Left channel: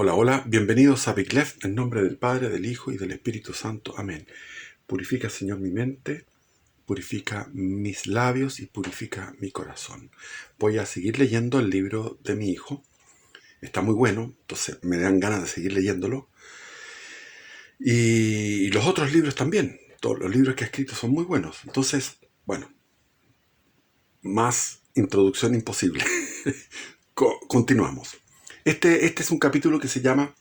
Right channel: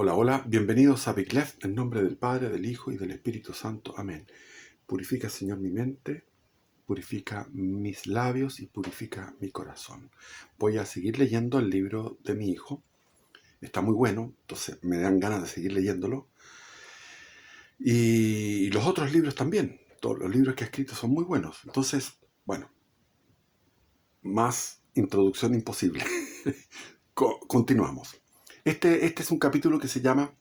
Hola, hola, bienvenidos a Biclef, en nombre del Padre, del Hijo y del Espíritu Santo. Amén. Purifica, Señor, mi mente, purifica mis labios y purifica mi corazón. Voy a seguir leyendo el libro de mi hijo. Está muy bueno, entonces me dan ganas de seguir leyéndolo. Y los otros libros también. Todos los libros que ha escrito son muy buenos. Entonces, bueno, más introducción imposible. Continuamos. Este es un capítulo que se llama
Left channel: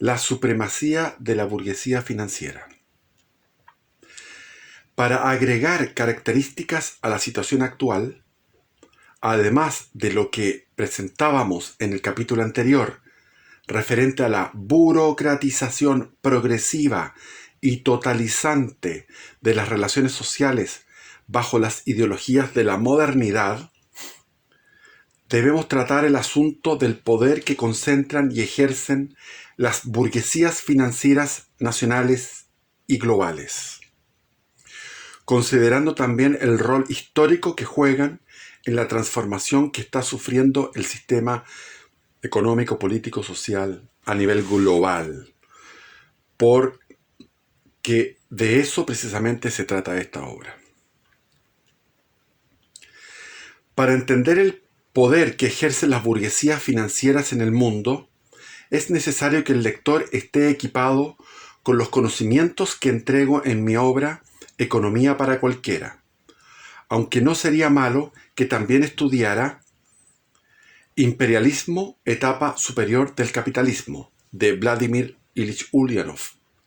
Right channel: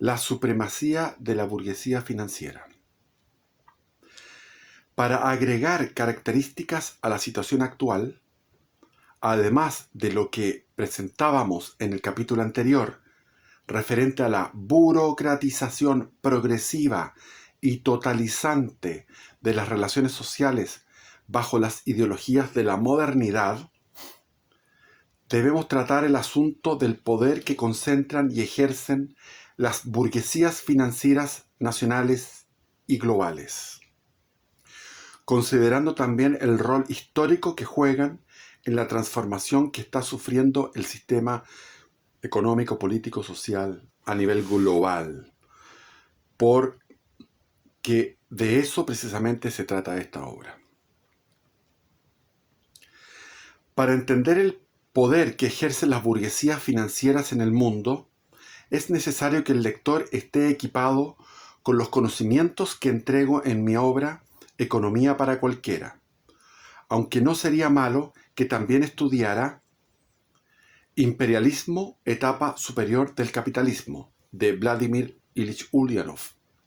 La supremacía de la burguesía financiera. Para agregar características a la situación actual, además de lo que presentábamos en el capítulo anterior, referente a la burocratización progresiva y totalizante de las relaciones sociales bajo las ideologías de la modernidad, debemos tratar el asunto del poder que concentran y ejercen las burguesías financieras nacionales y globales, considerando también el rol histórico que juegan en la transformación que está sufriendo el sistema económico, político, social a nivel global, porque de eso precisamente se trata esta obra. Para entender el poder que ejercen las burguesías financieras en el mundo, es necesario que el lector esté equipado con los conocimientos que entrego en mi obra Economía para cualquiera, aunque no sería malo que también estudiara Imperialismo, etapa superior del capitalismo, de Vladimir Ilich Ulyanov,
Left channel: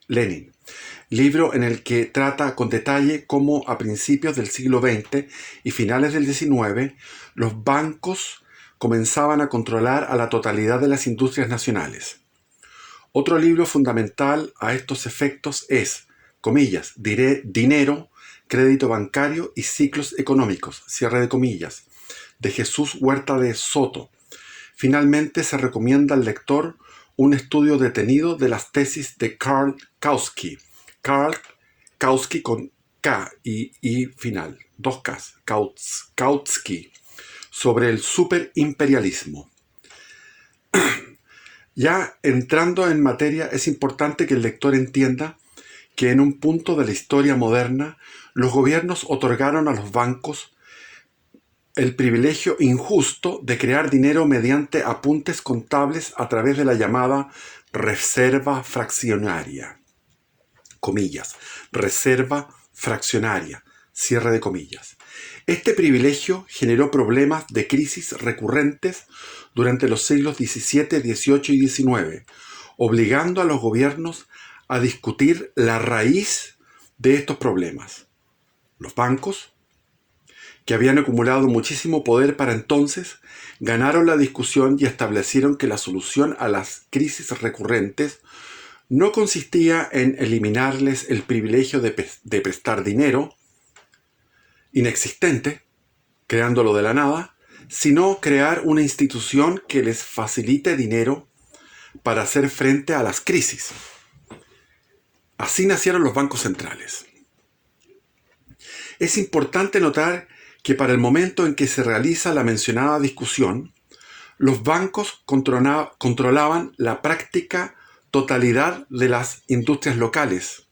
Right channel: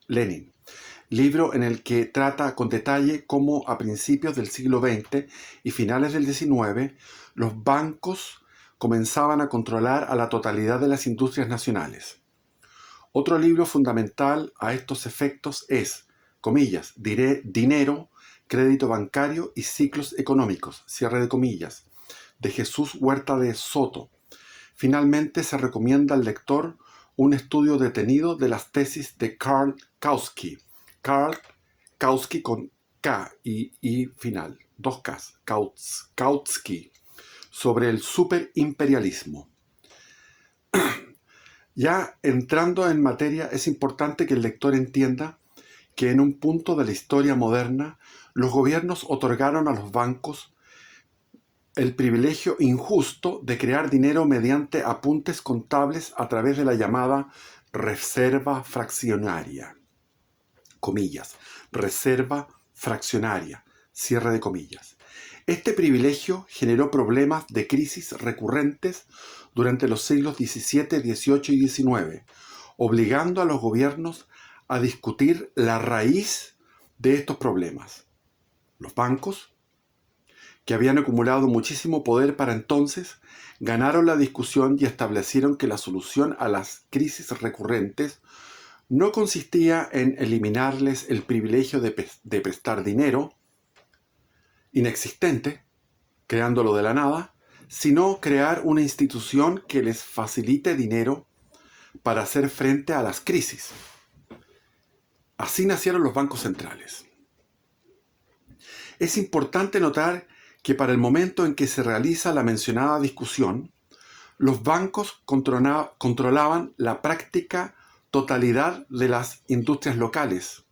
Lenin, libro en el que trata con detalle cómo a principios del siglo XX y finales del XIX los bancos comenzaban a controlar a la totalidad de las industrias nacionales. Otro libro fundamental a estos efectos es, comillas, Dinero, crédito bancario y ciclos económicos, cierre de comillas, de Jesús Huerta de Soto. Finalmente se recomienda al lector un estudio detenido de las tesis de Karl Kautsky. Karl Kautsky con K y final, dos Ks, Kautsky, sobre el superimperialismo. Ya entrando en materia, es importante que el lector entienda que en un punto de la historia moderna, los gobiernos otorgaron a los bancos el privilegio injusto de crear dinero mediante apuntes contables a través de la llamada reserva fraccionaria. Comillas, reserva fraccionaria, cierre de comillas. Este privilegio generó problemas de crisis recurrentes durante los siglos XVII, XVIII y XIX, obligando a los gobiernos a discutir la raíz de estos problemas. Los bancos, que habían acumulado muchísimo poder para entonces, ganaron la discusión y establecieron que la solución a las crisis recurrentes no consistía en eliminarles el privilegio de prestar dinero inexistente, creándolo de la nada, sino crear una institución que les facilite dinero para hacer frente a las crisis. Así nacieron los bancos centrales. Es importante notar que para el momento en que se realiza la mencionada discusión, los bancos controlaban la práctica totalidad de las industrias locales,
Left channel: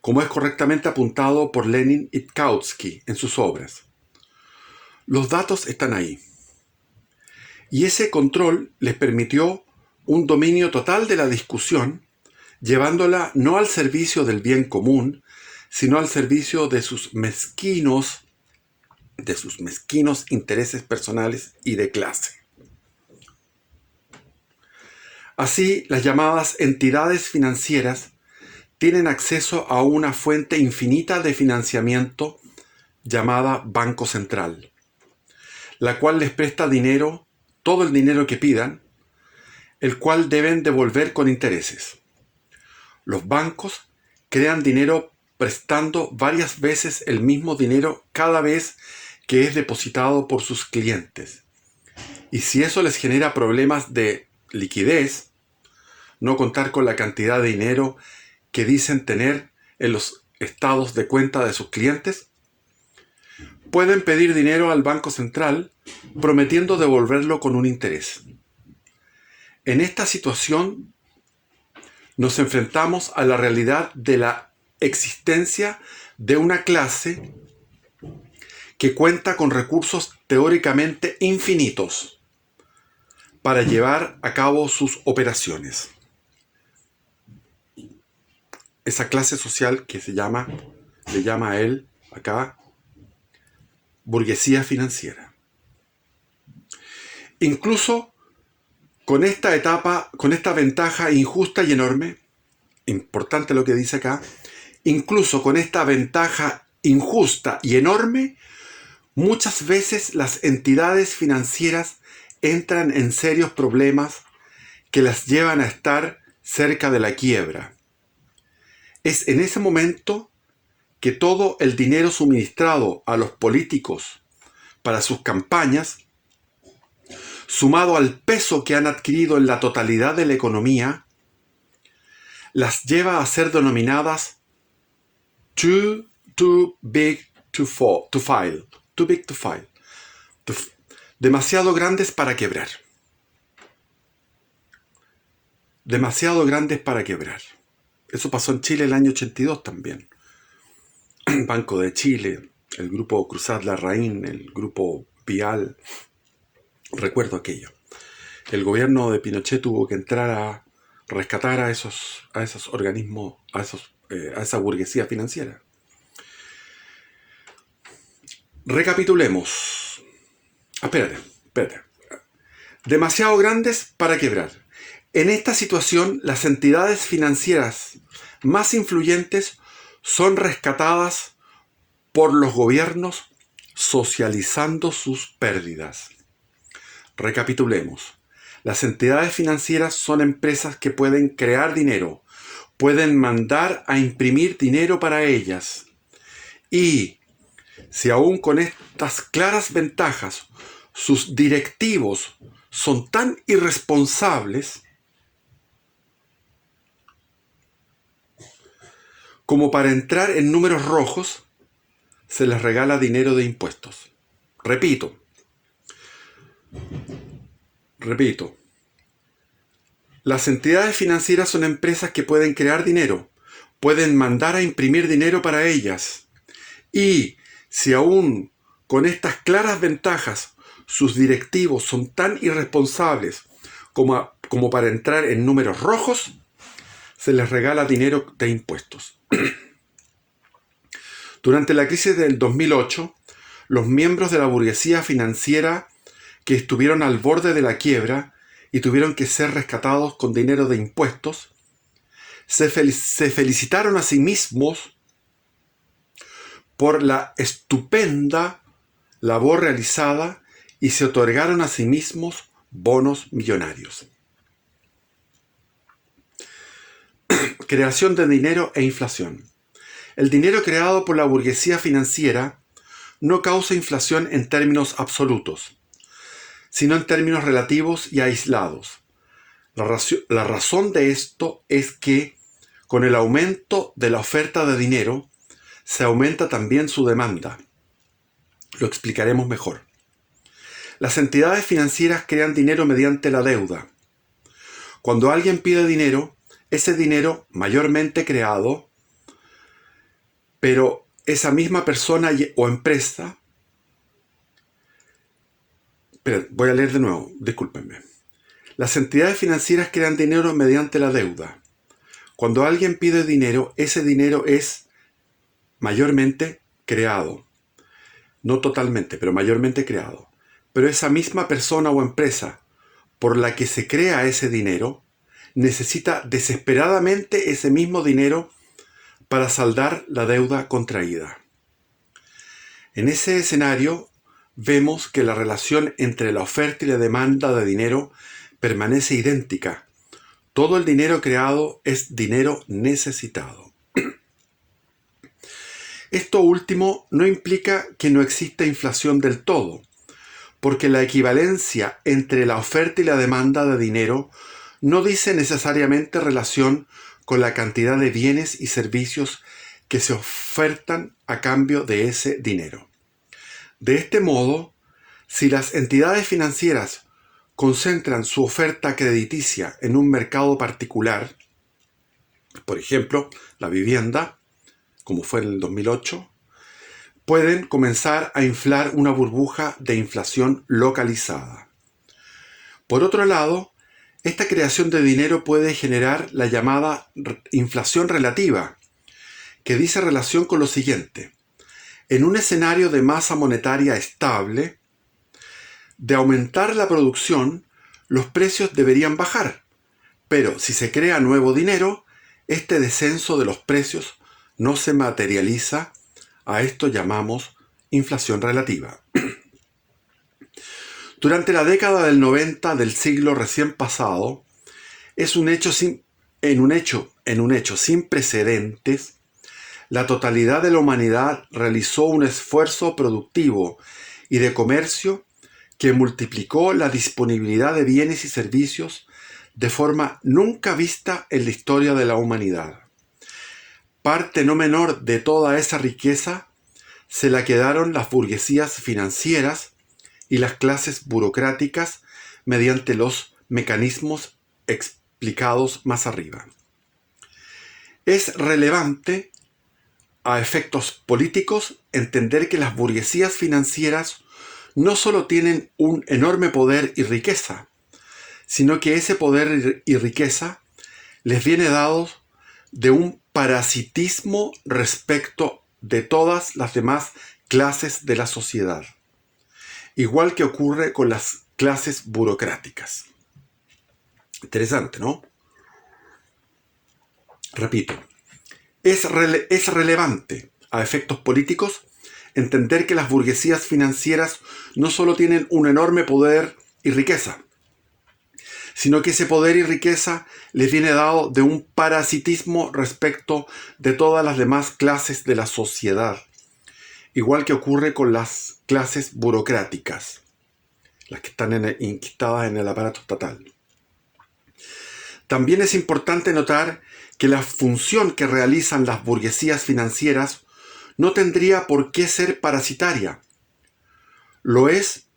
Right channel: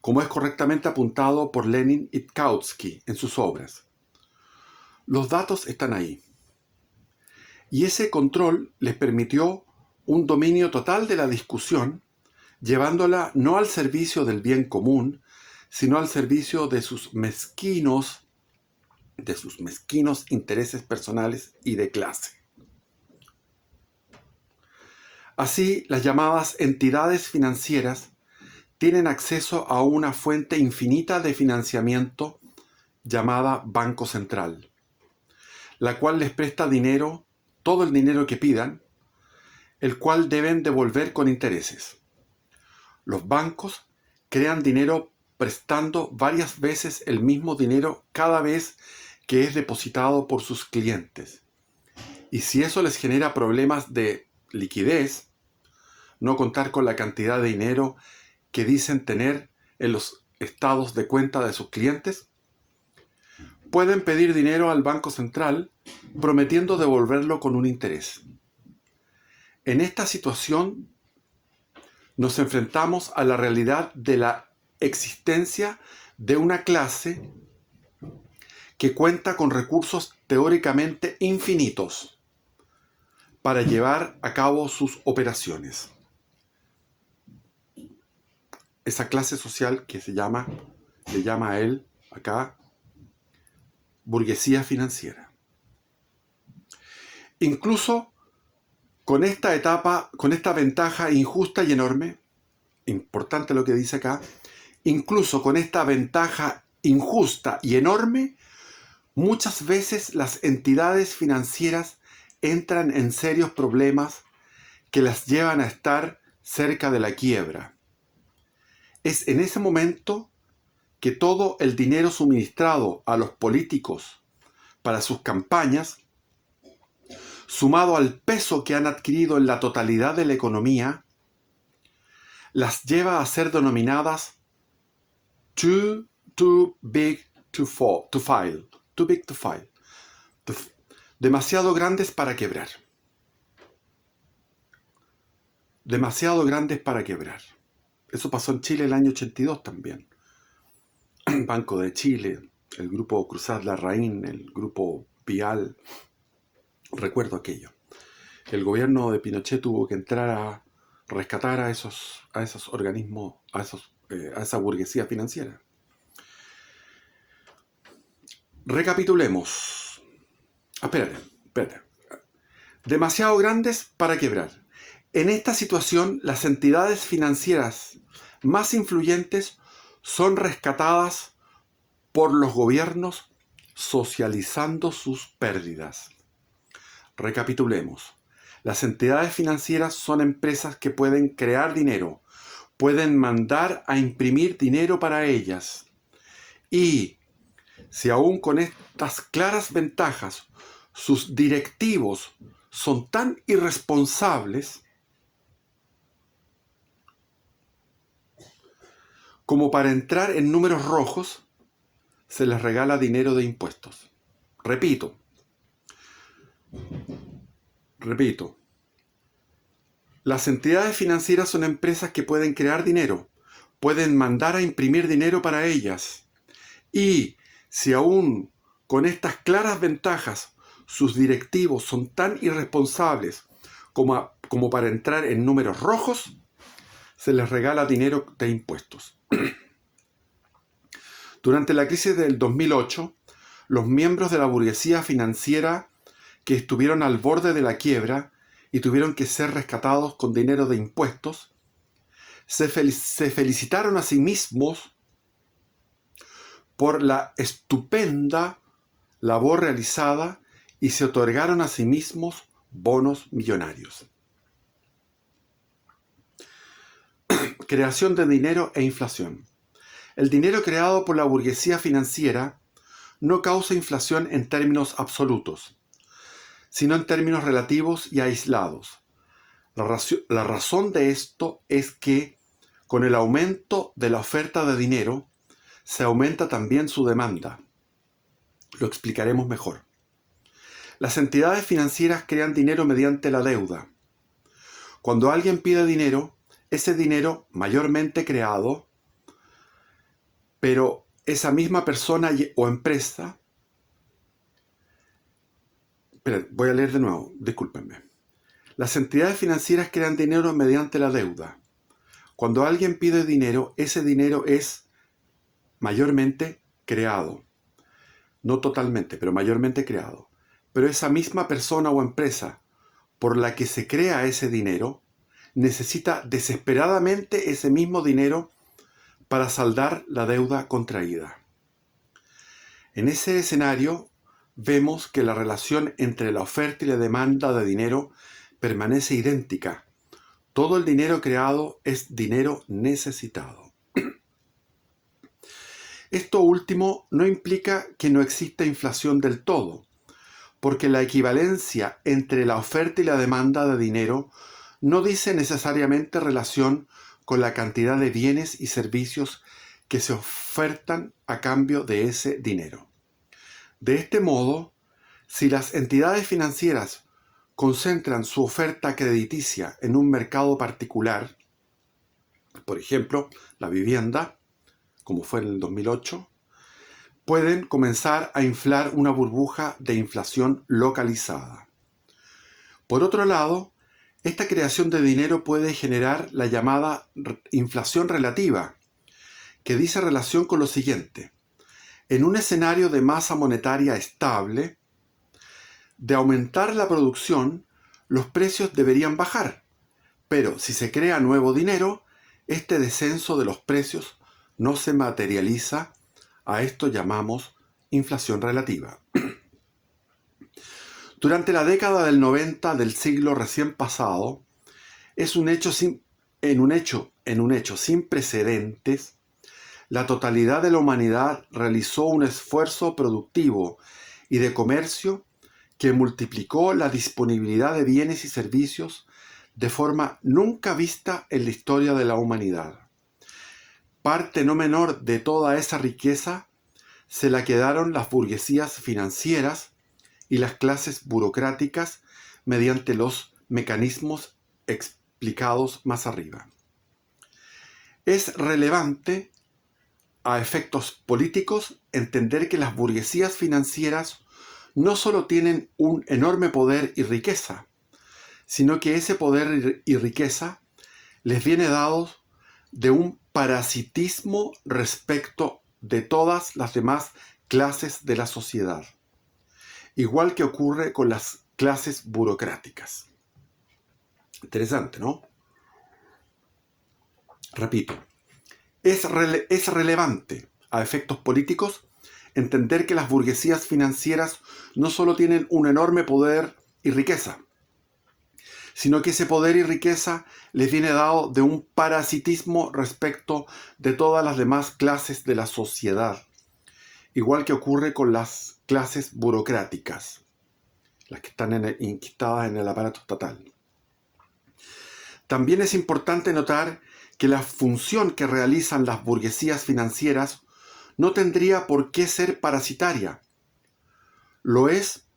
como es correctamente apuntado por Lenin y Kautsky en sus obras. Los datos están ahí. Y ese control les permitió un dominio total de la discusión, llevándola no al servicio del bien común, sino al servicio de sus mezquinos intereses personales y de clase. Así, las llamadas entidades financieras tienen acceso a una fuente infinita de financiamiento llamada Banco Central, la cual les presta dinero, todo el dinero que pidan, el cual deben devolver con intereses. Los bancos crean dinero prestando varias veces el mismo dinero cada vez que es depositado por sus clientes. Y si eso les genera problemas de liquidez, no contar con la cantidad de dinero que dicen tener en los estados de cuenta de sus clientes, pueden pedir dinero al Banco Central prometiendo devolverlo con un interés. En esta situación nos enfrentamos a la realidad de la existencia de una clase que cuenta con recursos teóricamente infinitos para llevar a cabo sus operaciones. Esa clase social que le llama a él acá burguesía financiera. Incluso con esta etapa, con esta ventaja injusta y enorme, importante lo que dice acá, incluso con esta ventaja injusta y enorme, muchas veces las entidades financieras entran en serios problemas que las llevan a estar cerca de la quiebra. Es en ese momento que todo el dinero suministrado a los políticos para sus campañas, sumado al peso que han adquirido en la totalidad de la economía, las lleva a ser denominadas too big to fail, demasiado grandes para quebrar. Demasiado grandes para quebrar. Eso pasó en Chile el año 82 también. Banco de Chile, el grupo Cruzat Larraín, el grupo Vial. Recuerdo aquello. El gobierno de Pinochet tuvo que entrar a rescatar a esos organismos, a esa burguesía financiera. Recapitulemos. Espérate. Demasiado grandes para quebrar. En esta situación, las entidades financieras más influyentes son rescatadas por los gobiernos socializando sus pérdidas. Recapitulemos. Las entidades financieras son empresas que pueden crear dinero, pueden mandar a imprimir dinero para ellas. Y si aún con estas claras ventajas sus directivos son tan irresponsables como para entrar en números rojos, se les regala dinero de impuestos. Repito. Las entidades financieras son empresas que pueden crear dinero, pueden mandar a imprimir dinero para ellas. Y si aún con estas claras ventajas sus directivos son tan irresponsables como para entrar en números rojos, se les regala dinero de impuestos. Durante la crisis del 2008, los miembros de la burguesía financiera que estuvieron al borde de la quiebra y tuvieron que ser rescatados con dinero de impuestos, se felicitaron a sí mismos por la estupenda labor realizada y se otorgaron a sí mismos bonos millonarios. Creación de dinero e inflación. El dinero creado por la burguesía financiera no causa inflación en términos absolutos, sino en términos relativos y aislados. La razón de esto es que con el aumento de la oferta de dinero se aumenta también su demanda. Lo explicaremos mejor. Las entidades financieras crean dinero mediante la deuda. Cuando alguien pide dinero, ese dinero mayormente creado, pero esa misma persona o empresa... voy a leer de nuevo, discúlpenme. Las entidades financieras crean dinero mediante la deuda. Cuando alguien pide dinero, ese dinero es mayormente creado. No totalmente, pero mayormente creado. Pero esa misma persona o empresa por la que se crea ese dinero necesita desesperadamente ese mismo dinero para saldar la deuda contraída. En ese escenario, vemos que la relación entre la oferta y la demanda de dinero permanece idéntica. Todo el dinero creado es dinero necesitado. Esto último no implica que no exista inflación del todo, porque la equivalencia entre la oferta y la demanda de dinero no dice necesariamente relación con la cantidad de bienes y servicios que se ofertan a cambio de ese dinero. De este modo, si las entidades financieras concentran su oferta crediticia en un mercado particular, por ejemplo, la vivienda, como fue en el 2008, pueden comenzar a inflar una burbuja de inflación localizada. Por otro lado, esta creación de dinero puede generar la llamada inflación relativa, que dice relación con lo siguiente. En un escenario de masa monetaria estable, de aumentar la producción, los precios deberían bajar, pero si se crea nuevo dinero, este descenso de los precios no se materializa. A esto llamamos inflación relativa. Durante la década del 90 del siglo recién pasado, en un hecho sin precedentes, la totalidad de la humanidad realizó un esfuerzo productivo y de comercio que multiplicó la disponibilidad de bienes y servicios de forma nunca vista en la historia de la humanidad. Parte no menor de toda esa riqueza se la quedaron las burguesías financieras y las clases burocráticas mediante los mecanismos explicados más arriba. Es relevante a efectos políticos entender que las burguesías financieras no solo tienen un enorme poder y riqueza, sino que ese poder y riqueza les viene dado de un parasitismo respecto de todas las demás clases de la sociedad, igual que ocurre con las clases burocráticas. Interesante, ¿no? Repito, es relevante a efectos políticos entender que las burguesías financieras no solo tienen un enorme poder y riqueza, sino que ese poder y riqueza les viene dado de un parasitismo respecto de todas las demás clases de la sociedad, igual que ocurre con las clases burocráticas, las que están inquistadas en el aparato estatal. También es importante notar que la función que realizan las burguesías financieras no tendría por qué ser parasitaria. Lo es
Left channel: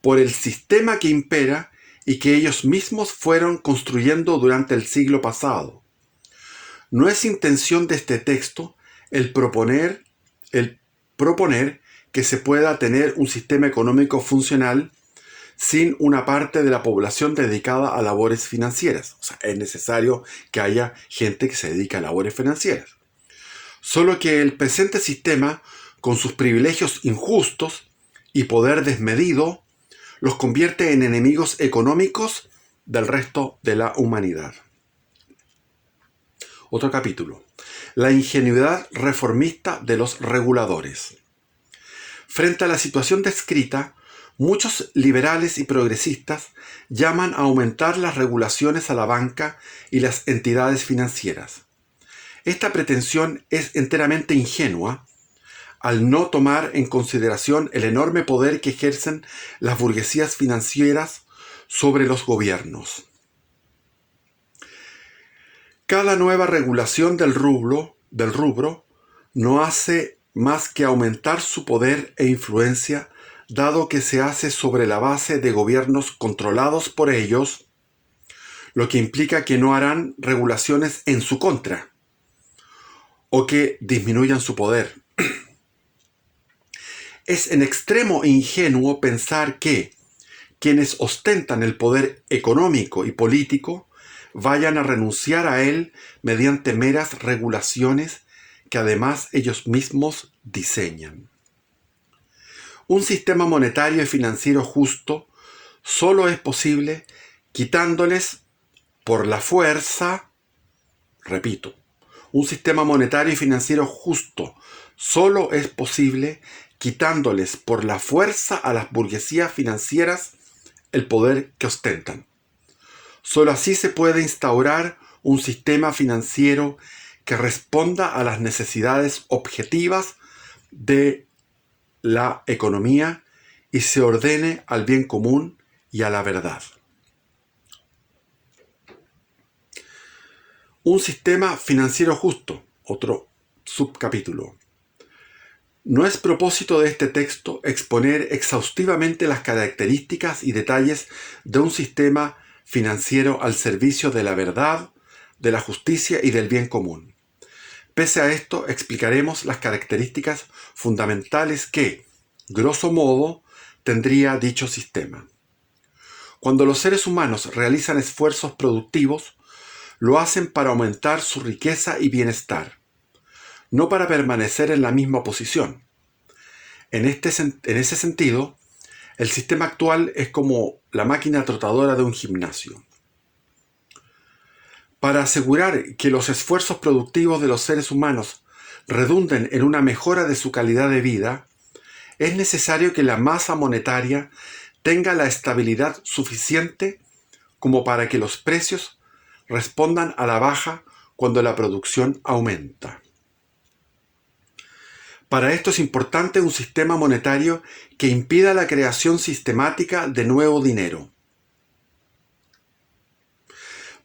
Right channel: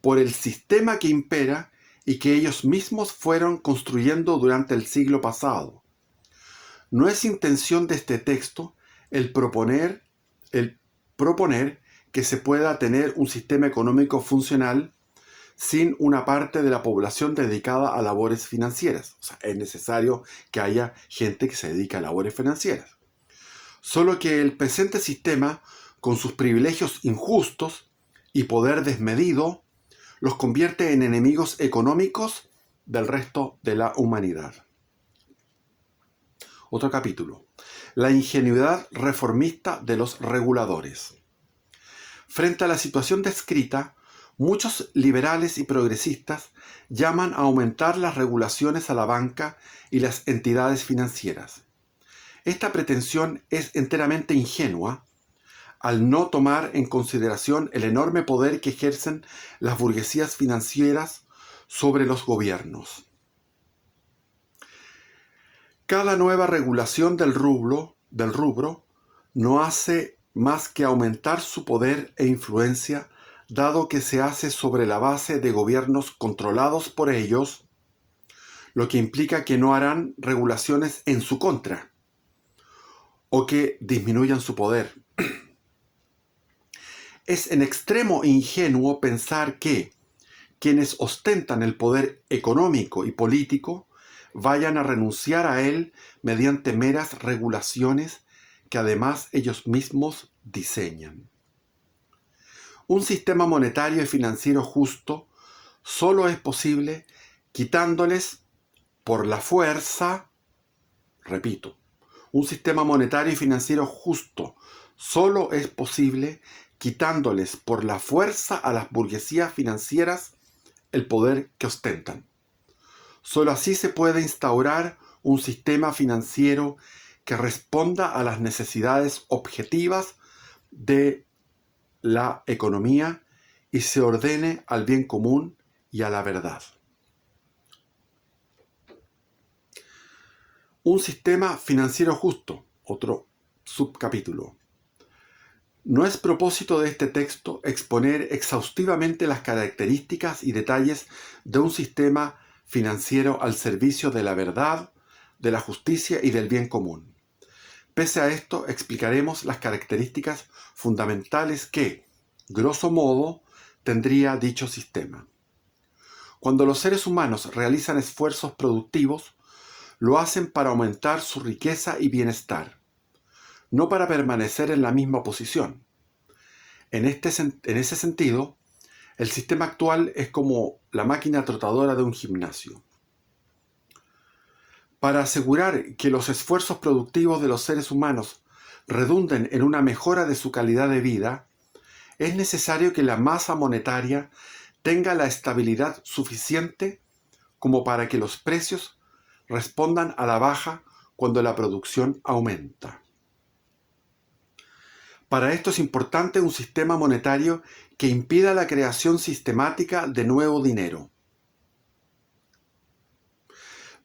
por el sistema que impera y que ellos mismos fueron construyendo durante el siglo pasado. No es intención de este texto el proponer que se pueda tener un sistema económico funcional sin una parte de la población dedicada a labores financieras. O sea, es necesario que haya gente que se dedique a labores financieras. Solo que el presente sistema, con sus privilegios injustos y poder desmedido, los convierte en enemigos económicos del resto de la humanidad. Otro capítulo. La ingenuidad reformista de los reguladores. Frente a la situación descrita, muchos liberales y progresistas llaman a aumentar las regulaciones a la banca y las entidades financieras. Esta pretensión es enteramente ingenua al no tomar en consideración el enorme poder que ejercen las burguesías financieras sobre los gobiernos. Cada nueva regulación del rubro no hace más que aumentar su poder e influencia, dado que se hace sobre la base de gobiernos controlados por ellos, lo que implica que no harán regulaciones en su contra o que disminuyan su poder. Es en extremo ingenuo pensar que quienes ostentan el poder económico y político vayan a renunciar a él mediante meras regulaciones que además ellos mismos diseñan. Un sistema monetario y financiero justo solo es posible quitándoles por la fuerza, repito, un sistema monetario y financiero justo solo es posible quitándoles por la fuerza a las burguesías financieras el poder que ostentan. Solo así se puede instaurar un sistema financiero que responda a las necesidades objetivas de la economía y se ordene al bien común y a la verdad. Un sistema financiero justo, otro subcapítulo, No es propósito de este texto exponer exhaustivamente las características y detalles de un sistema financiero al servicio de la verdad, de la justicia y del bien común. Pese a esto, explicaremos las características fundamentales que, grosso modo, tendría dicho sistema. Cuando los seres humanos realizan esfuerzos productivos, lo hacen para aumentar su riqueza y bienestar, no para permanecer en la misma posición. En ese sentido, el sistema actual es como la máquina trotadora de un gimnasio. Para asegurar que los esfuerzos productivos de los seres humanos redunden en una mejora de su calidad de vida, es necesario que la masa monetaria tenga la estabilidad suficiente como para que los precios respondan a la baja cuando la producción aumenta. Para esto es importante un sistema monetario que impida la creación sistemática de nuevo dinero.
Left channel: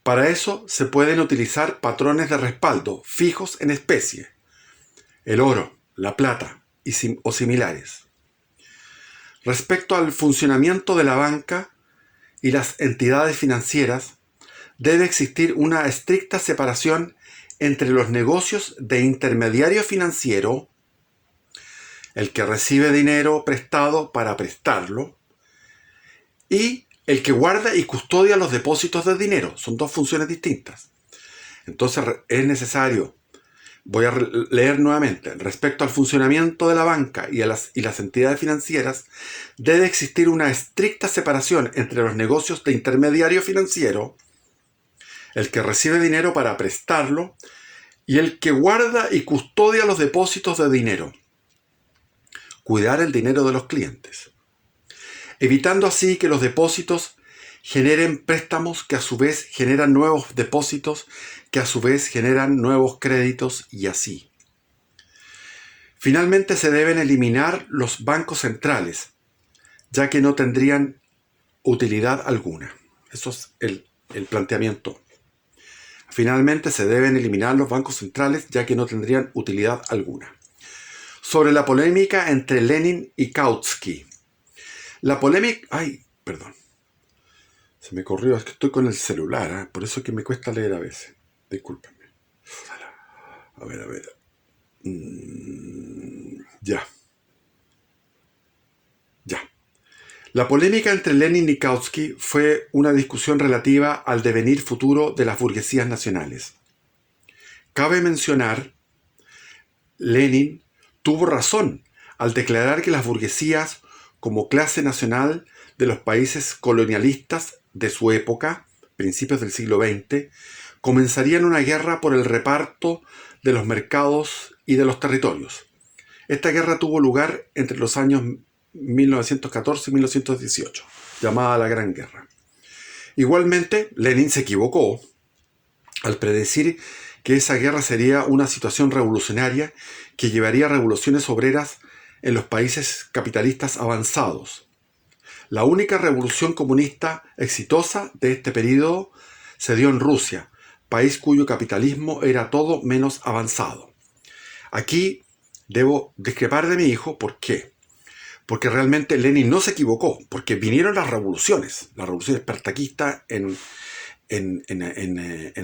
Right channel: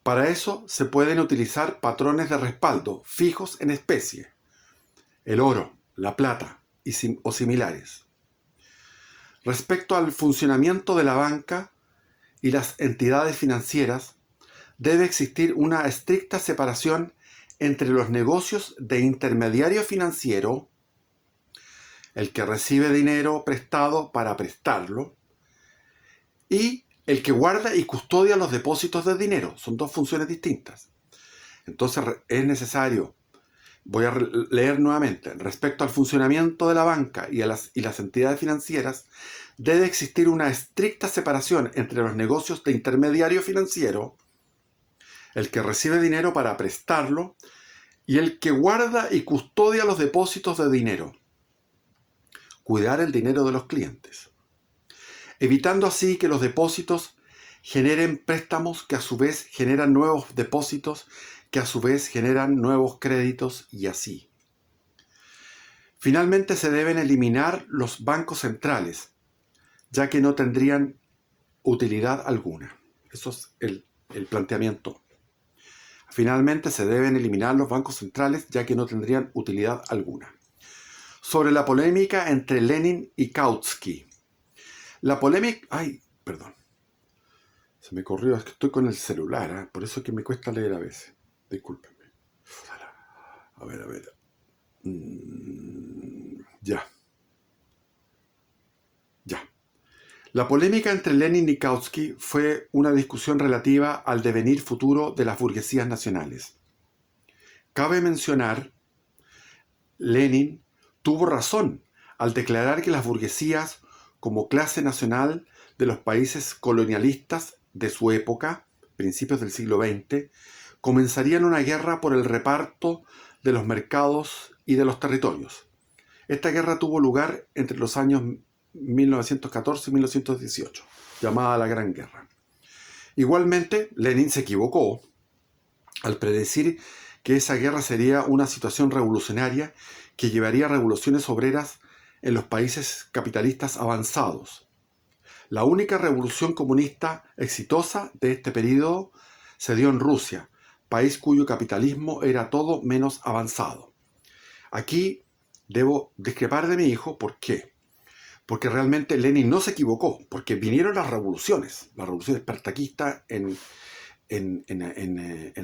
Para eso se pueden utilizar patrones de respaldo fijos en especie, el oro, la plata o similares. Respecto al funcionamiento de la banca y las entidades financieras, debe existir una estricta separación entre los negocios de intermediario financiero, el que recibe dinero prestado para prestarlo, y el que guarda y custodia los depósitos de dinero. Son dos funciones distintas. Entonces es necesario, voy a leer nuevamente, respecto al funcionamiento de la banca y las entidades financieras, debe existir una estricta separación entre los negocios de intermediario financiero, el que recibe dinero para prestarlo, y el que guarda y custodia los depósitos de dinero. Cuidar el dinero de los clientes, evitando así que los depósitos generen préstamos que a su vez generan nuevos depósitos, que a su vez generan nuevos créditos y así. Finalmente se deben eliminar los bancos centrales, ya que no tendrían utilidad alguna. Eso es el planteamiento. Finalmente se deben eliminar los bancos centrales, ya que no tendrían utilidad alguna. Sobre la polémica entre Lenin y Kautsky. La polémica... Perdón. Se me corrió, es que estoy con el celular, por eso es que me cuesta leer a veces. Discúlpenme. A ver. Ya. La polémica entre Lenin y Kautsky fue una discusión relativa al devenir futuro de las burguesías nacionales. Cabe mencionar, Lenin tuvo razón al declarar que las burguesías, como clase nacional de los países colonialistas de su época, principios del siglo XX, comenzarían una guerra por el reparto de los mercados y de los territorios. Esta guerra tuvo lugar entre los años 1914 y 1918, llamada la Gran Guerra. Igualmente, Lenin se equivocó al predecir que esa guerra sería una situación revolucionaria que llevaría a revoluciones obreras en los países capitalistas avanzados. La única revolución comunista exitosa de este periodo se dio en Rusia, país cuyo capitalismo era todo menos avanzado. Aquí debo discrepar de mi hijo. ¿Por qué? Porque realmente Lenin no se equivocó, porque vinieron las revoluciones espartaquistas en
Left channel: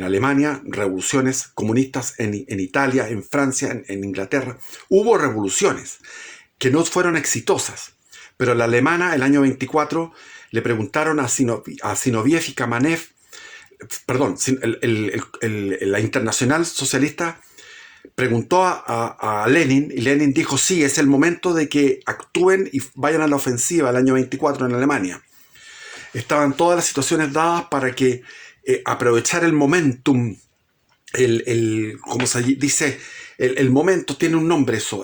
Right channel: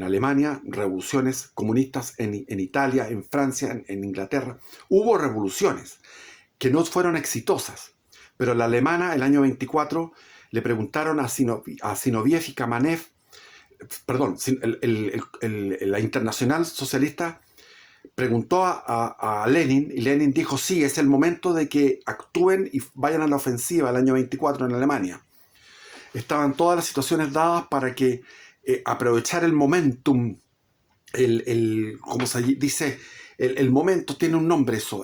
Alemania, revoluciones comunistas en Italia, en Francia, en Inglaterra. Hubo revoluciones que no fueron exitosas, pero la alemana, el año 24, le preguntaron a Zinoviev y Kamenev, la Internacional Socialista preguntó a Lenin, y Lenin dijo: sí, es el momento de que actúen y vayan a la ofensiva el año 24 en Alemania. Estaban todas las situaciones dadas para que aprovechar el momentum, como se dice, el momento, tiene un nombre eso,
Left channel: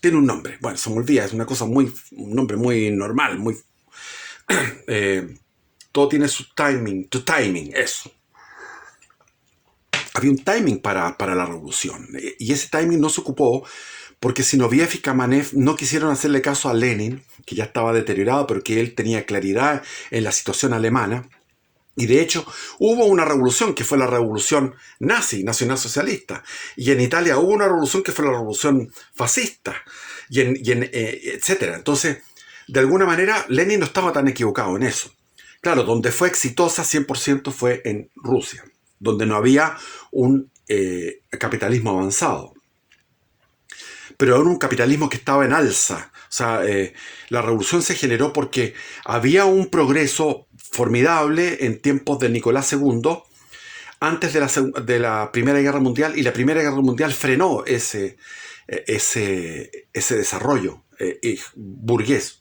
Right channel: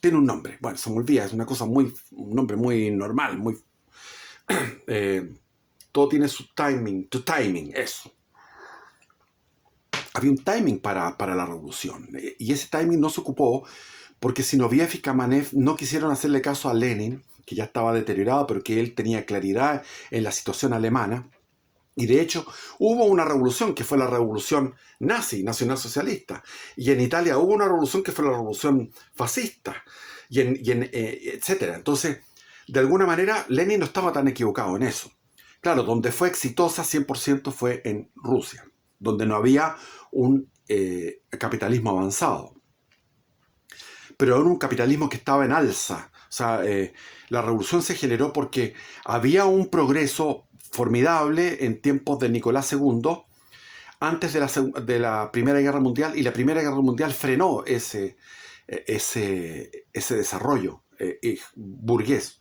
tiene un nombre, bueno, se me olvida, es una cosa un nombre muy normal, todo tiene su timing, eso. Había un timing para la revolución, y ese timing no se ocupó porque Zinoviev y Kamenev no quisieron hacerle caso a Lenin, que ya estaba deteriorado, pero que él tenía claridad en la situación alemana. Y de hecho hubo una revolución que fue la revolución nacionalsocialista, y en Italia hubo una revolución que fue la revolución fascista, etcétera. Entonces, de alguna manera, Lenin no estaba tan equivocado en eso. Claro, donde fue exitosa 100% fue en Rusia, donde no había un capitalismo avanzado, pero era un capitalismo que estaba en alza. O sea, la revolución se generó porque había un progreso formidable en tiempos de Nicolás II, antes de la Primera Guerra Mundial, y la Primera Guerra Mundial frenó ese desarrollo burgués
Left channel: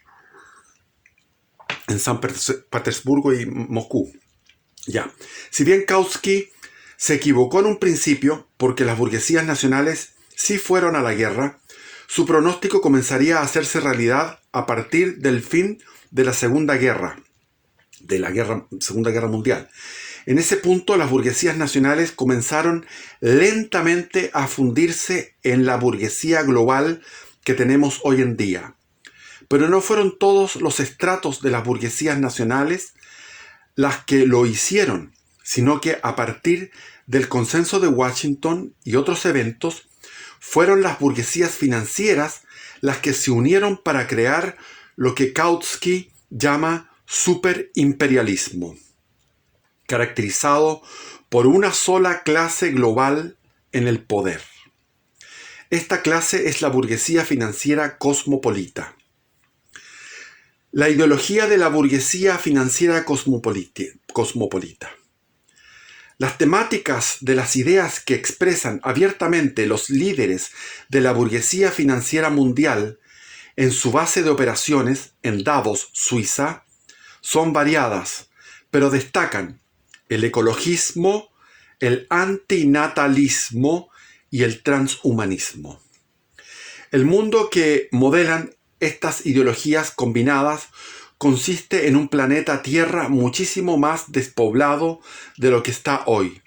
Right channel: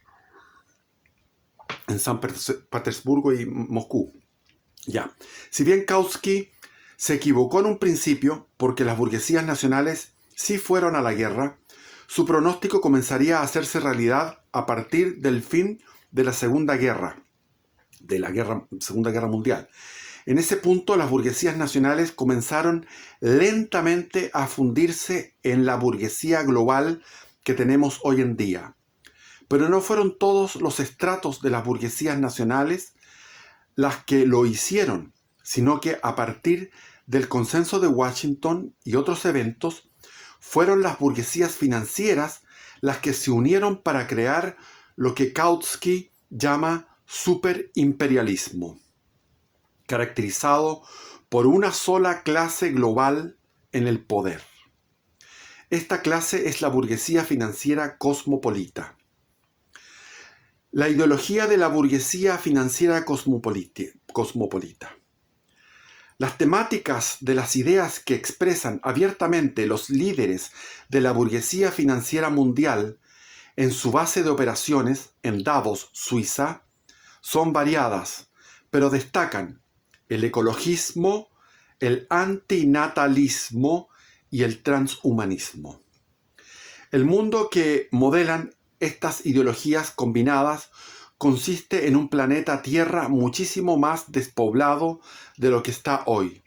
en San Petersburgo y Moscú. Ya. Si bien Kautsky se equivocó en un principio, porque las burguesías nacionales sí fueron a la guerra, su pronóstico comenzaría a hacerse realidad a partir del fin de la Segunda Guerra Mundial. En ese punto, las burguesías nacionales comenzaron lentamente a fundirse en la burguesía global que tenemos hoy en día. Pero no fueron todos los estratos de las burguesías nacionales las que lo hicieron, sino que a partir del Consenso de Washington y otros eventos, fueron las burguesías financieras las que se unieron para crear lo que Kautsky llama superimperialismo, caracterizado por una sola clase global en el poder. Esta clase es la burguesía financiera cosmopolita. La ideología de la burguesía financiera cosmopolita. Las temáticas de las ideas que expresan abiertamente los líderes de la burguesía financiera mundial en su base de operaciones en Davos, Suiza, son variadas, pero destacan el ecologismo, el antinatalismo y el transhumanismo. El mundo que modelan estas ideologías combinadas consiste en un planeta Tierra muchísimo más despoblado de lo que está hoy.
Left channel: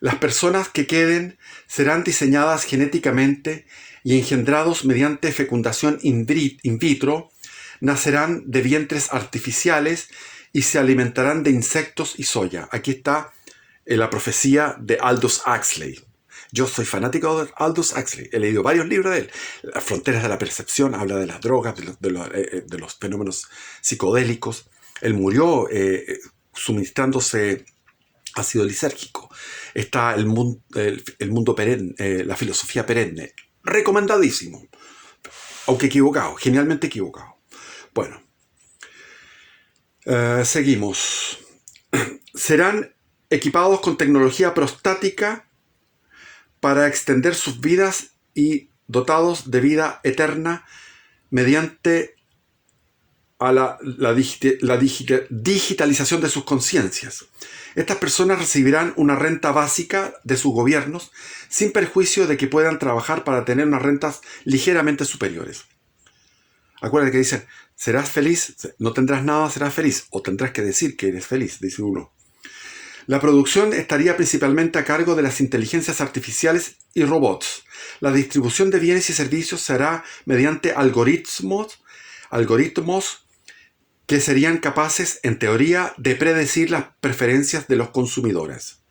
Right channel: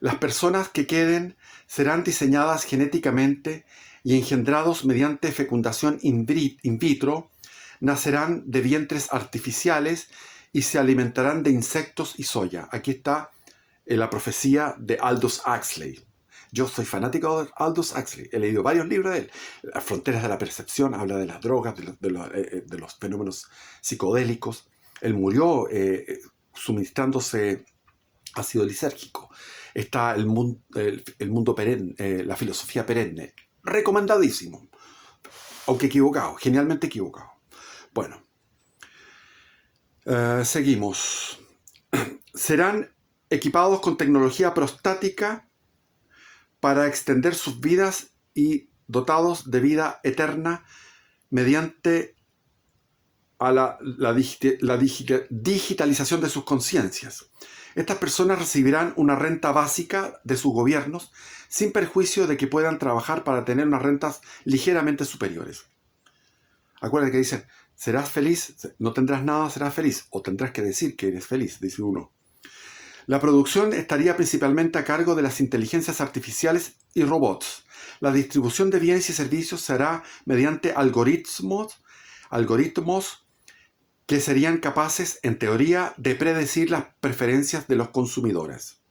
Las personas que queden serán diseñadas genéticamente y engendrados mediante fecundación in vitro, nacerán de vientres artificiales y se alimentarán de insectos y soya. Aquí está la profecía de Aldous Huxley. Yo soy fanático de Aldous Huxley. He leído varios libros de él. Las fronteras de la percepción, habla de las drogas, de los fenómenos psicodélicos. Él murió suministrándose ácido lisérgico. Está el mundo perenne, la filosofía perenne. Recomendadísimo. Aunque equivocado, genialmente equivocado. Bueno, seguimos. Serán equipados con tecnología prostática para extender sus vidas y dotados de vida eterna mediante la digitalización de sus conciencias. Estas personas recibirán una renta básica de sus gobiernos sin perjuicio de que puedan trabajar para tener unas rentas ligeramente superiores. Acuérdate que dice, serás feliz, no tendrás nada, serás feliz, o tendrás que decir que eres feliz, dice uno. La producción estaría principalmente a cargo de las inteligencias artificiales y robots. La distribución de bienes y servicios se hará mediante algoritmos que serían capaces, en teoría, de predecir las preferencias de los consumidores.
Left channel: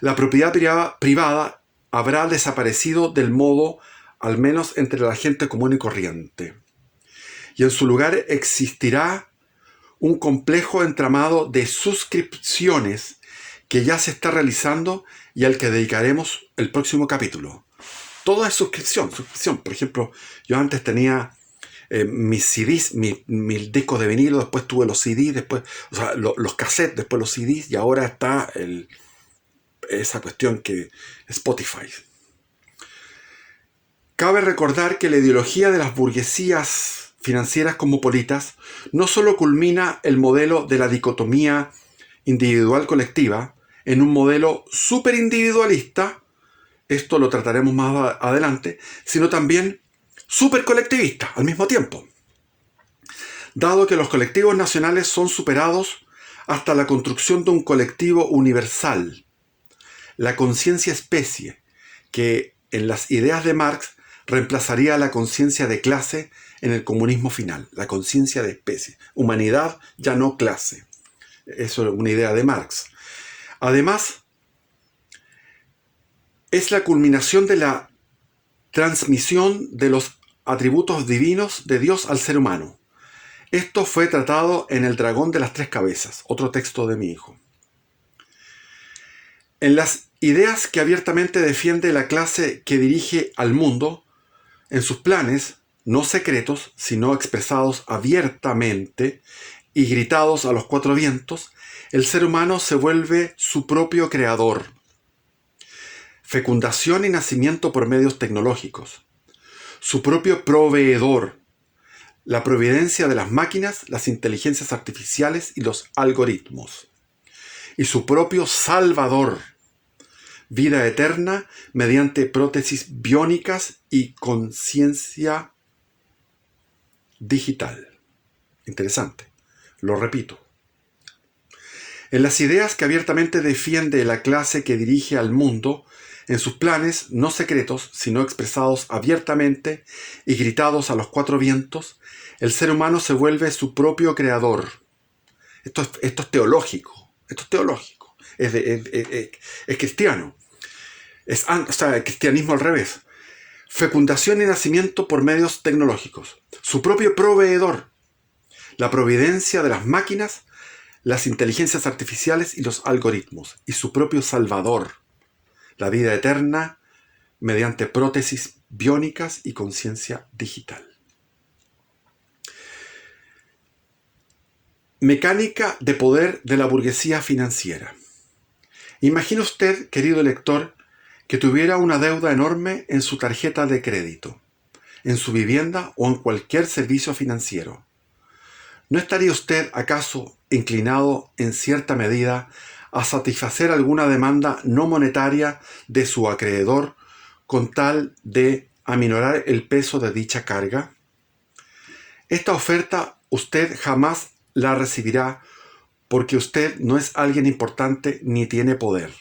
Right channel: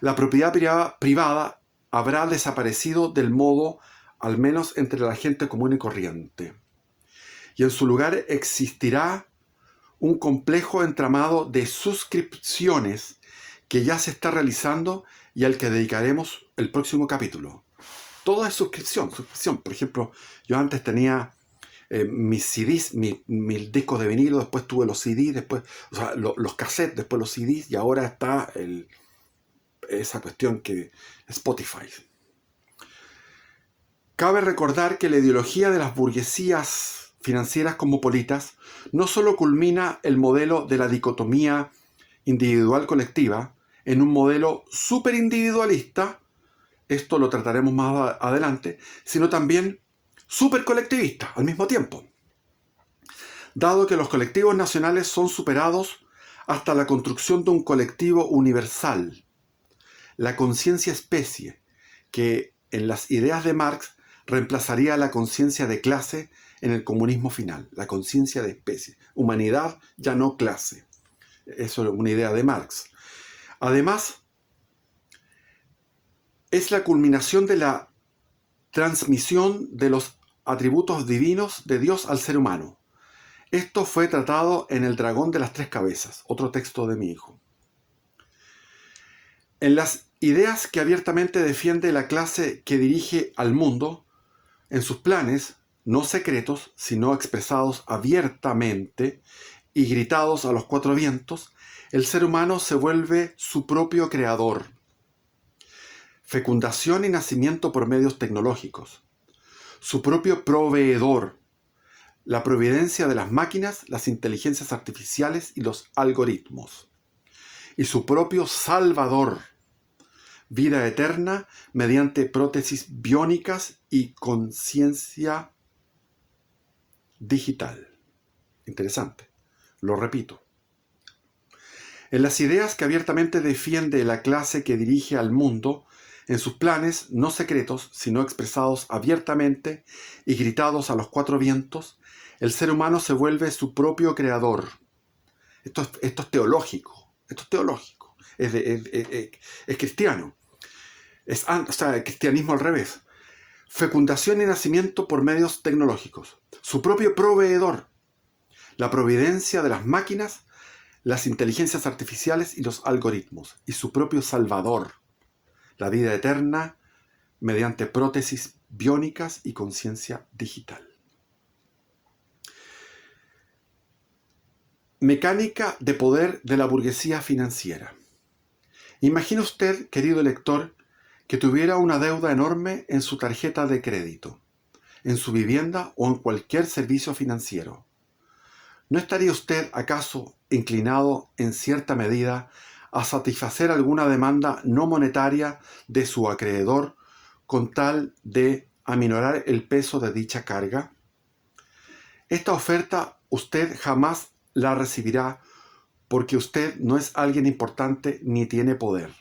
La propiedad privada habrá desaparecido del modo, al menos entre la gente común y corriente. Y en su lugar existirá un complejo entramado de suscripciones que ya se está realizando y al que dedicaremos el próximo capítulo. Todo es suscripción. Por ejemplo, yo antes tenía mis CDs, mis discos de vinilo, después tuve los CDs, después, o sea, los cassettes, después los CDs, y ahora está esa cuestión que Spotify. Cabe recordar que la ideología de las burguesías financieras cosmopolitas no solo culmina el modelo de la dicotomía individual-colectiva en un modelo superindividualista, esto lo trataremos más adelante, sino también supercolectivista al mismo tiempo. Dado que los colectivos nacionales son superados hasta la construcción de un colectivo universal, la conciencia especie, que en las ideas de Marx reemplazaría a la conciencia de clase en el comunismo final, la conciencia de especie, humanidad ya no clase. Eso es una idea de Marx. Además, es la culminación de la transmisión de los atributos divinos de Dios al ser humano. Esto fue tratado en El dragón de las tres cabezas, otro texto de mi hijo. En las ideas que abiertamente defiende la clase que dirige al mundo, en sus planes, no secretos, sino expresados abiertamente y gritados a los cuatro vientos, el ser humano se vuelve su propio creador. Fecundación y nacimiento por medios tecnológicos. Su propio proveedor. La providencia de las máquinas, las inteligencias artificiales y los algoritmos. Y su propio salvador. Vida eterna mediante prótesis biónicas y conciencia digital. Interesante. Lo repito. En las ideas que abiertamente defiende la clase que dirige al mundo, en sus planes, no secretos, sino expresados abiertamente y gritados a los cuatro vientos, el ser humano se vuelve su propio creador. Esto es teológico. Esto es teológico. Es cristiano. O sea, el cristianismo al revés. Fecundación y nacimiento por medios tecnológicos. Su propio proveedor. La providencia de las máquinas, las inteligencias artificiales y los algoritmos. Y su propio salvador. La vida eterna mediante prótesis biónicas y conciencia digital. Mecánica de poder de la burguesía financiera. Imagine usted, querido lector, que tuviera una deuda enorme en su tarjeta de crédito, en su vivienda o en cualquier servicio financiero. ¿No estaría usted acaso inclinado en cierta medida a satisfacer alguna demanda no monetaria de su acreedor con tal de aminorar el peso de dicha carga? Esta oferta usted jamás la recibirá porque usted no es alguien importante ni tiene poder.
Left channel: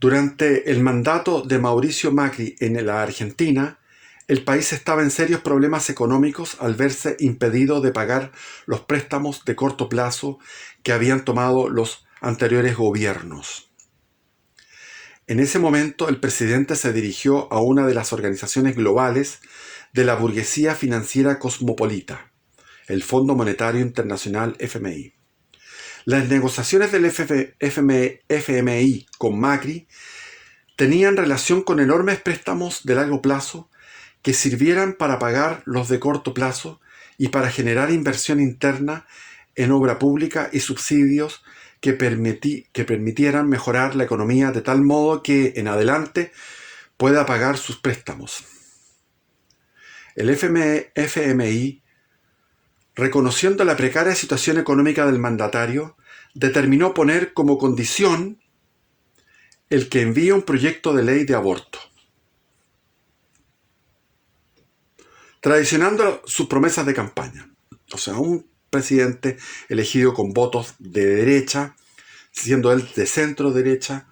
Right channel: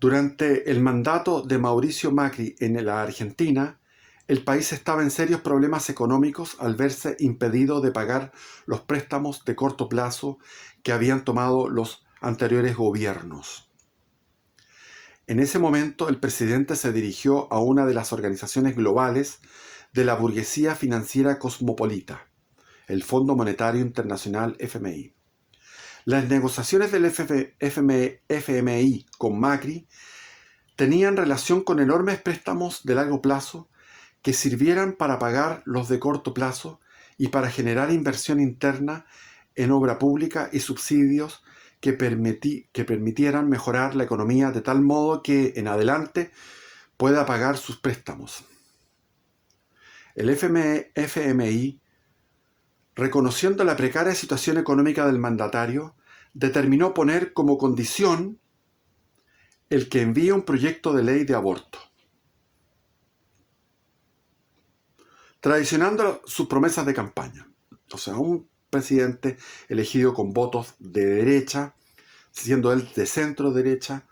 Durante el mandato de Mauricio Macri en la Argentina, el país estaba en serios problemas económicos al verse impedido de pagar los préstamos de corto plazo que habían tomado los anteriores gobiernos. En ese momento, el presidente se dirigió a una de las organizaciones globales de la burguesía financiera cosmopolita, el Fondo Monetario Internacional FMI. Las negociaciones del FMI con Macri tenían relación con enormes préstamos de largo plazo que sirvieran para pagar los de corto plazo y para generar inversión interna en obra pública y subsidios que permitieran mejorar la economía de tal modo que en adelante pueda pagar sus préstamos. El FMI, reconociendo la precaria situación económica del mandatario, determinó poner como condición el que envíe un proyecto de ley de aborto, traicionando sus promesas de campaña. O sea, un presidente elegido con votos de derecha, siendo él de centro derecha,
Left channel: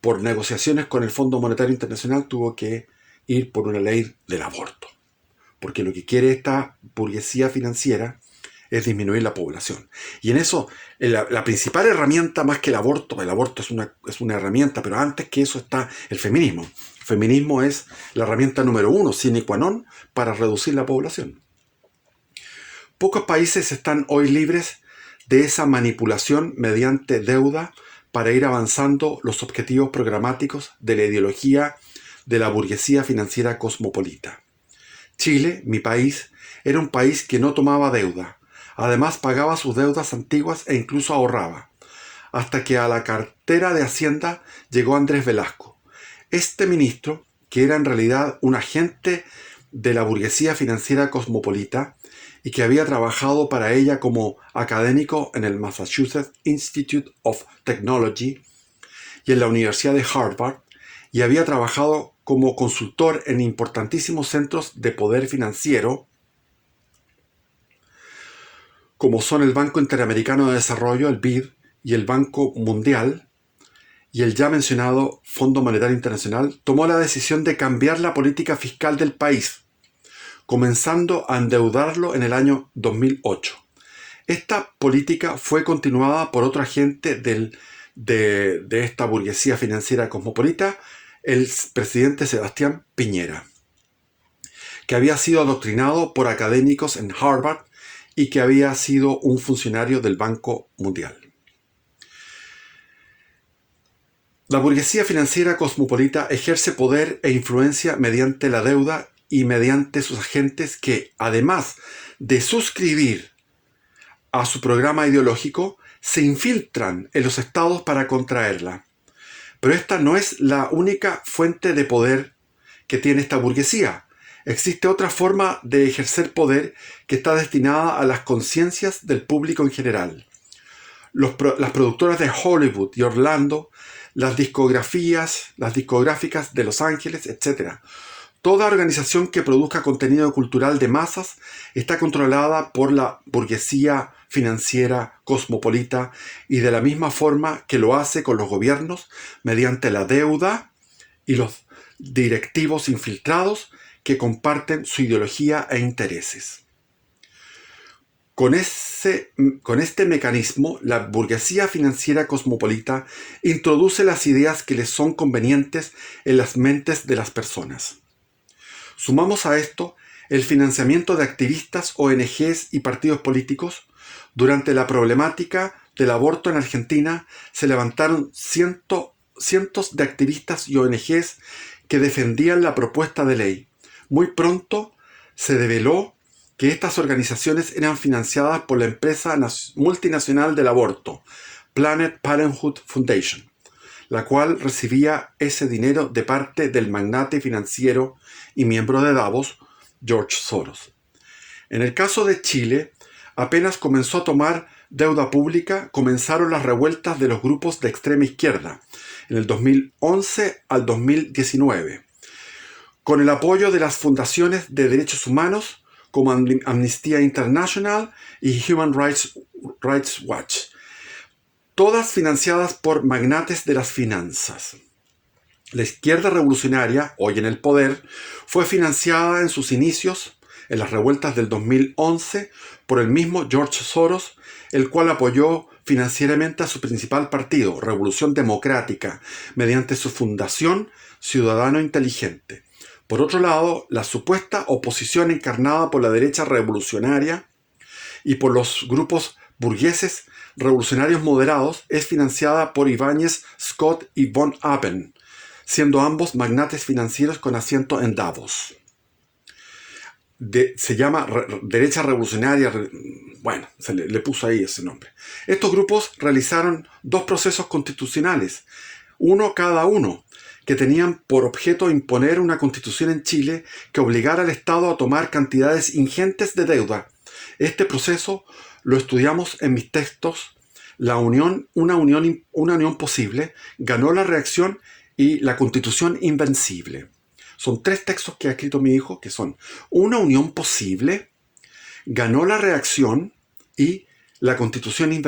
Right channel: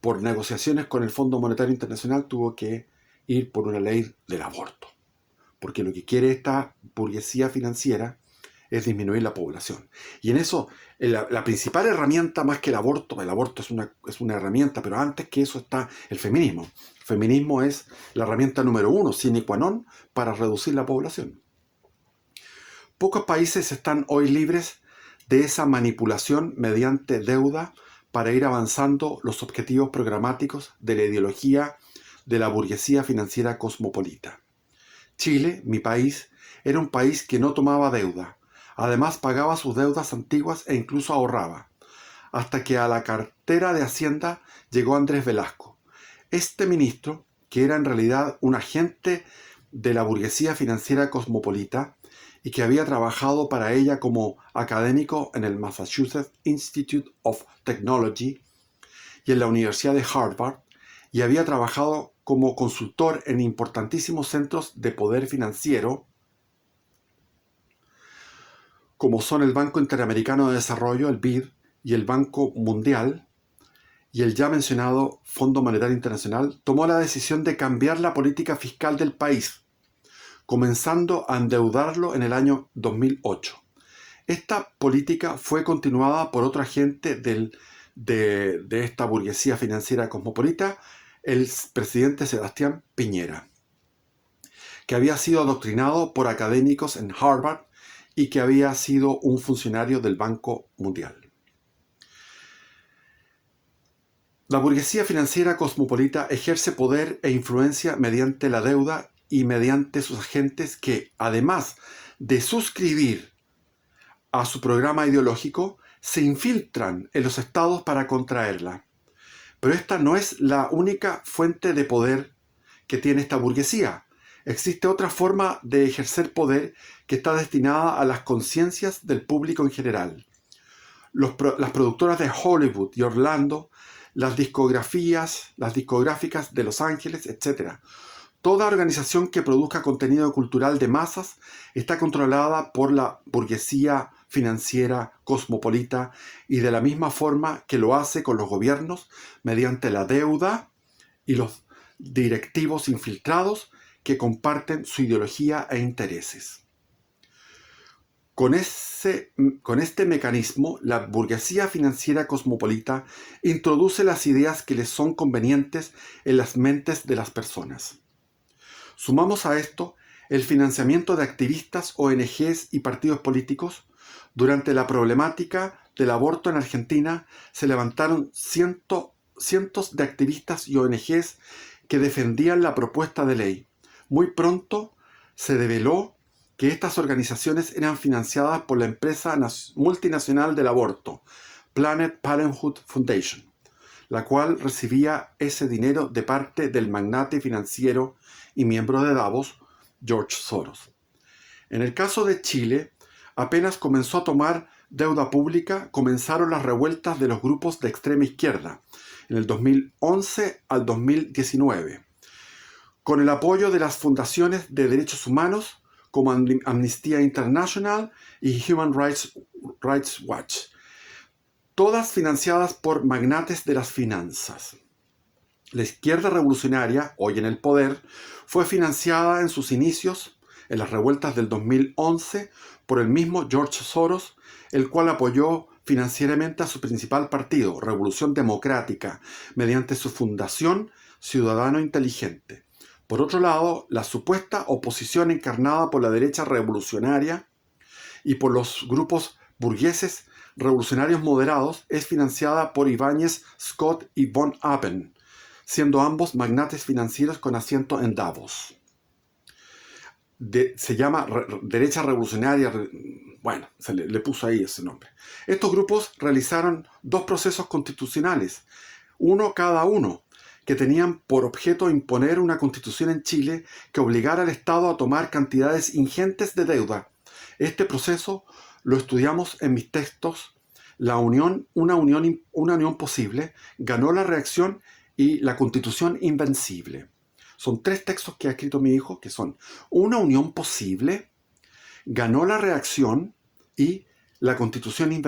por negociaciones con el Fondo Monetario Internacional tuvo que ir por una ley del aborto. Porque lo que quiere esta burguesía financiera es disminuir la población. Y en eso, la principal herramienta más que el aborto es una herramienta, pero antes que eso está el feminismo. El feminismo es la herramienta número 1, sine qua non, para reducir la población. Pocos países están hoy libres de esa manipulación mediante deuda para ir avanzando los objetivos programáticos de la ideología de la burguesía financiera cosmopolita. Chile, mi país, era un país que no tomaba deuda. Además pagaba sus deudas antiguas e incluso ahorraba. Hasta que a la cartera de Hacienda llegó Andrés Velasco. Este ministro, que era en realidad un agente de la burguesía financiera cosmopolita y que había trabajado para ella como académico en el Massachusetts Institute of Technology y en la Universidad de Harvard, y había trabajado como consultor en importantísimos centros de poder financiero, como son el Banco Interamericano de Desarrollo, el BID, y el Banco Mundial, y el ya mencionado Fondo Monetario Internacional, tomó la decisión de cambiar la política fiscal del país, comenzando a endeudarlo en el año 2008. Esta política fue continuada por otro agente de esta burguesía financiera cosmopolita, el presidente Sebastián Piñera. que había sido adoctrinado por académicos en Harvard y que había sido un funcionario del Banco Mundial. La burguesía financiera cosmopolita ejerce poder e influencia mediante la deuda y mediante sus agentes que, además de suscribir a su programa ideológico, se infiltran en los estados para contraerla. Pero esta no es la única fuente de poder que tiene esta burguesía. Existe otra forma de ejercer poder que está destinada a las conciencias del público en general. Las productoras de Hollywood y Orlando, las discográficas de Los Ángeles, etc. Toda organización que produzca contenido cultural de masas está controlada por la burguesía financiera cosmopolita y de la misma forma que lo hace con los gobiernos mediante la deuda y los directivos infiltrados que comparten su ideología e intereses. Con este mecanismo, la burguesía financiera cosmopolita introduce las ideas que les son convenientes en las mentes de las personas. Sumamos a esto el financiamiento de activistas, ONGs y partidos políticos. Durante la problemática del aborto en Argentina se levantaron cientos de activistas y ONGs que defendían la propuesta de ley. Muy pronto se reveló que estas organizaciones eran financiadas por la empresa multinacional del aborto, Planned Parenthood Foundation, la cual recibía ese dinero de parte del magnate financiero y miembro de Davos, George Soros. En el caso de Chile, apenas comenzó a tomar deuda pública, comenzaron las revueltas de los grupos de extrema izquierda, en el 2011 al 2019, con el apoyo de las fundaciones de derechos humanos como Amnistía International y Human Rights Watch, todas financiadas por magnates de las finanzas. La izquierda revolucionaria, hoy en el poder, fue financiada en sus inicios, en las revueltas del 2011, por el mismo George Soros, el cual apoyó financieramente a su principal partido, Revolución Democrática, mediante su fundación Ciudadano Inteligente. Por otro lado, la supuesta oposición encarnada por la derecha revolucionaria y por los grupos burgueses revolucionarios moderados es financiada por Ibáñez, Scott y von Appen, siendo ambos magnates financieros con asiento en Davos. Se llama derecha revolucionaria, bueno, le puso ahí ese nombre. Estos grupos realizaron 2 procesos constitucionales, uno cada uno, que tenían por objeto imponer una constitución en Chile que obligara al Estado a tomar cantidades ingentes de deuda. Este proceso lo estudiamos en mis textos. Una unión posible, ganó la reacción y la constitución invencible. Son 3 textos que ha escrito mi hijo, que son Una unión posible, Ganó la reacción y la constitución invencible.